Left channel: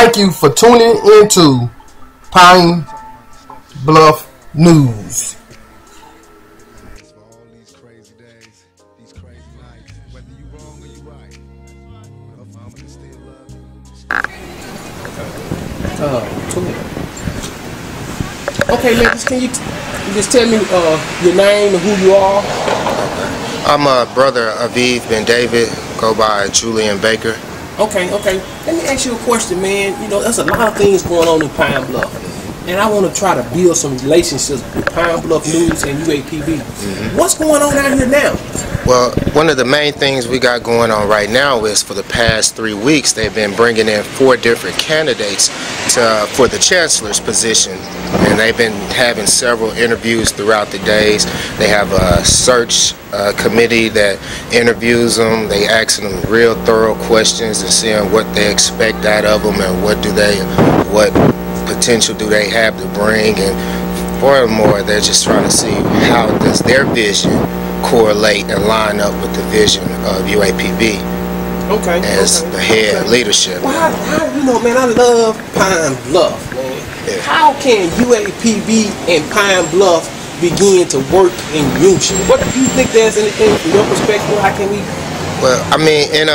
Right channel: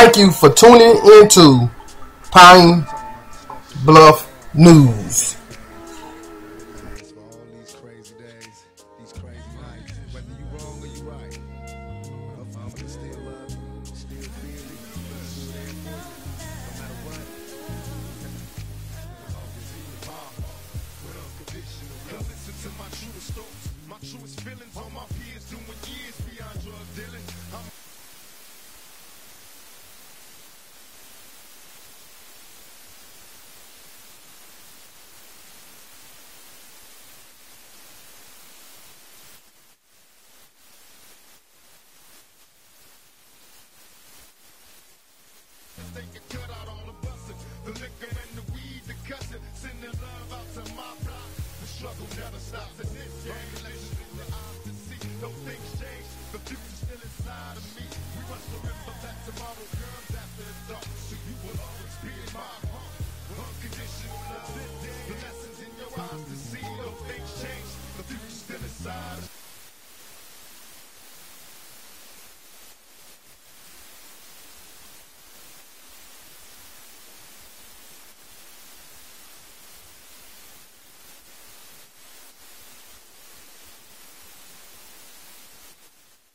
Thank you for tuning into Pine Bluff News. Okay, man, can you just tell me your name and who you are? I'm a brother Aviv Ben David, go by Julian Baker. Okay. Let me ask you a question, man. You know, there's a lot of things going on in Pine Bluff, and I want to try to build some relationships with Pine Bluff News and UAPB. What's going on out here now? Well, one of the main things we got going on right now is for the past 3 weeks, they've been bringing in 4 different candidates for the chancellor's position. And they've been having several interviews throughout the days. They have a search committee that interviews them. They ask them real thorough questions and seeing what they expect out of them and what potential do they have to bring. And furthermore, they're just trying to see how does their vision correlate and line up with the vision of UAPB as the head leadership. Well, how, you know, man, I love Pine Bluff, man. Yeah. How can UAPB and Pine Bluff begin to work in unison? What do you think? There's anything from your perspective? How can we? Well, I mean,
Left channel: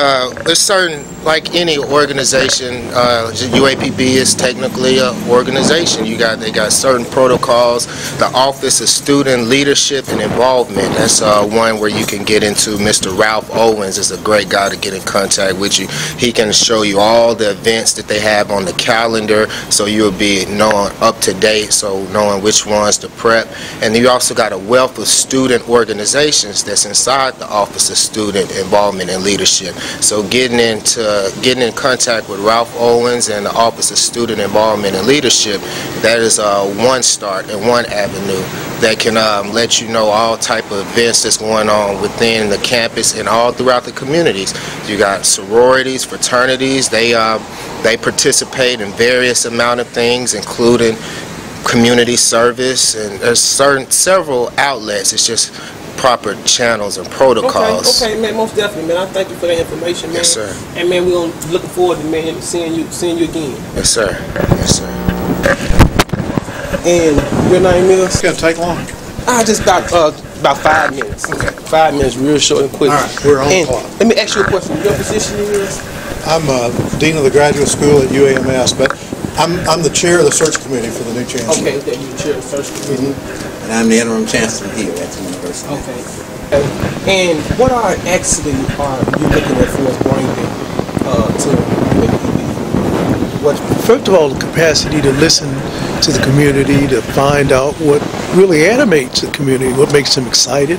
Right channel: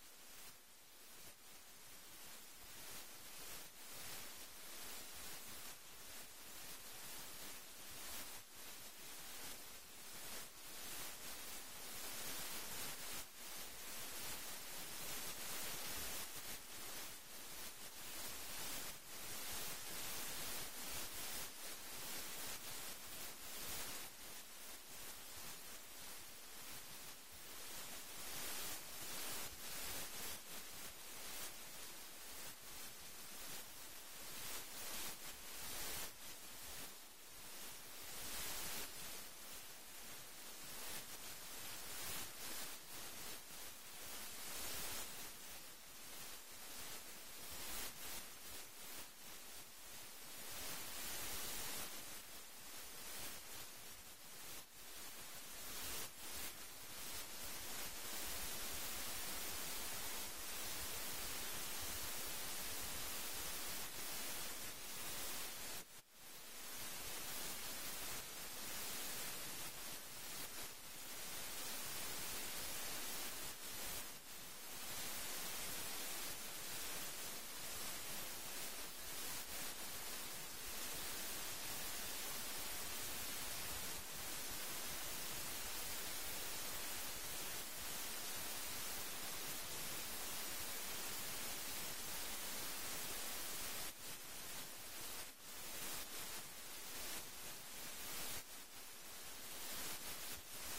there's certain, like any organization, UAPB is technically an organization. They got certain protocols. The Office of Student Leadership and Involvement, that's one where you can get into. Mr. Ralph Owens is a great guy to get in contact with you. He can show you all the events that they have on the calendar, so you'll be knowing up to date, so knowing which ones to prep. And you also got a wealth of student organizations that's inside the Office of Student Involvement and Leadership. So getting in contact with Ralph Owens and the Office of Student Involvement and Leadership, that is one start and one avenue that can let you know all type of events that's going on within the campus and all throughout the communities. You got sororities, fraternities. They participate in various amount of things, including community service, and there's several outlets. It's just proper channels and protocols. Okay, man, most definitely, man. I thank you for that information, man. Yes, sir. And man, we're looking forward to, man, seeing you again. Yes, sir. Yes, sir. And your name is? It's gonna take long. I just about 5 minutes. Okay. 5 minutes, real short and quick. All right, we're on the clock. Let me ask you a question. Your position is? I'm Dean of the Graduate School at UAMS, but I'm the chair of the search committee for the new chancellor. Okay, you're the chair of the search committee. And I'm the interim chancellor here at the university. Okay. And what are you looking at for us bringing to UAPB? First of all, the capacity to listen to the community, to find out what really animates the community, what makes them excited,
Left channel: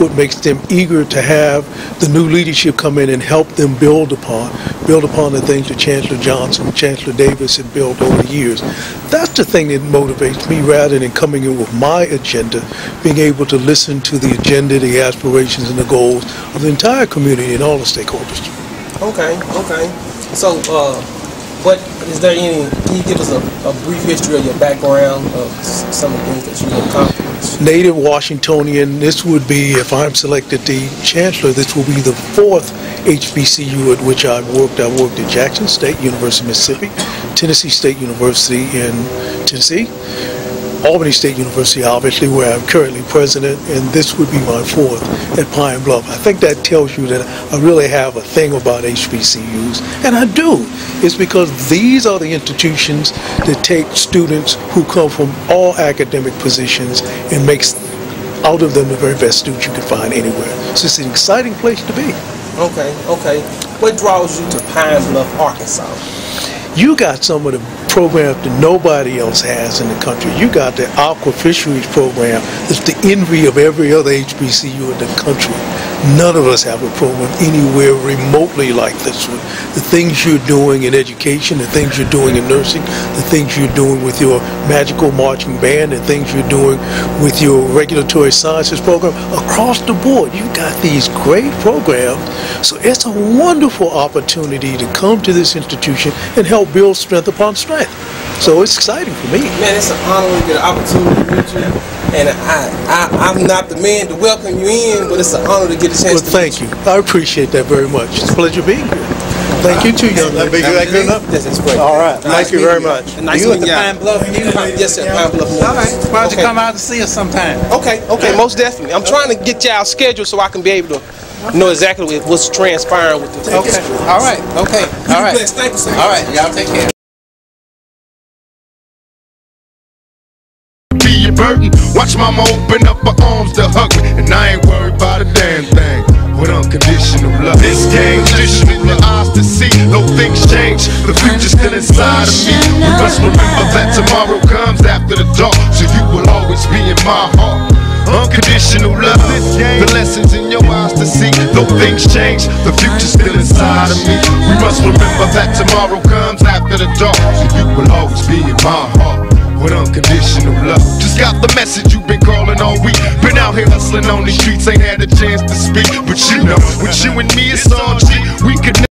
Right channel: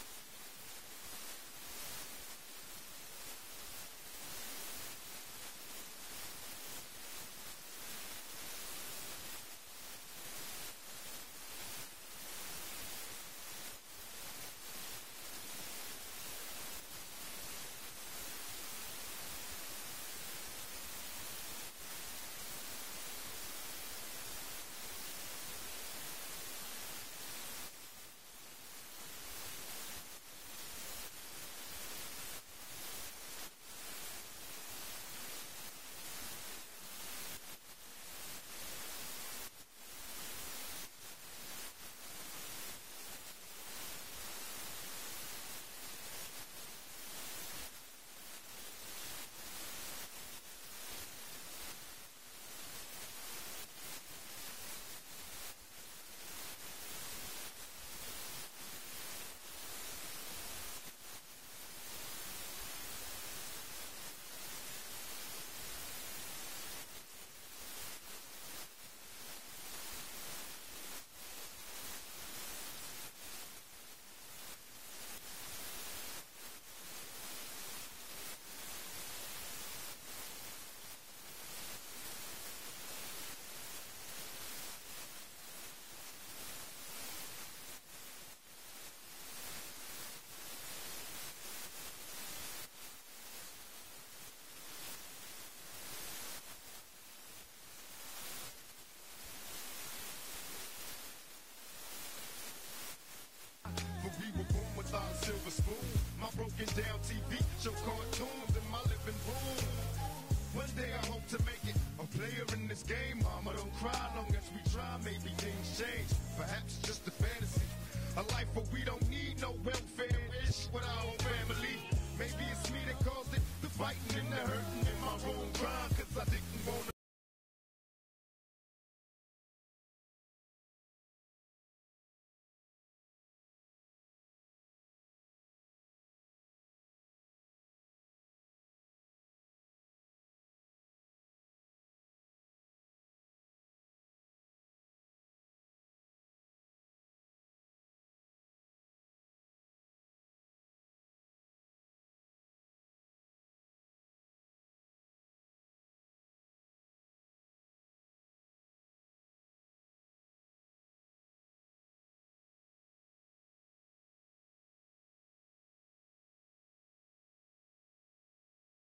what makes them eager to have the new leadership come in and help them build upon the things that Chancellor Johnson and Chancellor Davis had built over the years. That's the thing that motivates me, rather than coming in with my agenda, being able to listen to the agenda, the aspirations, and the goals of the entire community and all the stakeholders. Okay. So, what is there any? Can you give us a brief history of your background, of some of the things that you accomplished? Native Washingtonian. This would be, if I'm selected the chancellor, this will be the 4th HBCU at which I've worked. I worked at Jackson State University, Mississippi, Tennessee State University in Tennessee, Albany State University, obviously, where I'm currently president, and this would be my 4th at Pine Bluff. I think that tells you that I really have a thing about HBCUs, and I do. It's because these are the institutions that take students who come from all academic positions and makes out of them the very best students you can find anywhere. So it's an exciting place to be. Okay. What draws you to Pine Bluff, Arkansas? You got some of the programs that nobody else has in the country. You got the aqua fisheries program. It's the envy of every other HBCU in the country. None of us have a program anywhere remotely like this one. The things you're doing in education, the things you're doing in nursing, the things you're doing with your magical marching band, the things you're doing with your regulatory sciences program, across the board, you've got these great programs. So it's a wonderful opportunity to come to this institution and help build strength upon strength. So it's exciting for me. Man, it's an honor to get an opportunity to meet you. And I'm not the man to welcome you in, but it's an honor to get a chance to thank you. I appreciate that very much. It's a pleasure being here. Thank you too, young That lady. be good enough? Yes, it's great. All right, thank you very much. Nice You at meeting the y'all. Pine Bluff University? Yes, sir. Pine Bluff. All right. Why don't you Okay. come out and see us sometime? Okay, most definitely. I'm trying to get y'all scheduled so I can be able to know exactly what's transpiring with the Okay. All right. Okay. All right. Thank you, sir. All right. Y'all take care. Be a burden. Watch mama open up her arms to hug me, and I ain't worried about a damn thing. With unconditional love, this game conditional your eyes to see. No things change, the future's still inside of me. We must remember that tomorrow comes after the dark, so you will always be in my heart. Unconditional love, the lessons in your eyes to see. No things change, the future's still inside of me. We must remember that tomorrow comes after the dark, so you will always be in my heart. With unconditional love. Just got the message you've been calling all week. Been out here hustling on the streets, ain't had a chance to speak. But you know, with you and me it's all G. We could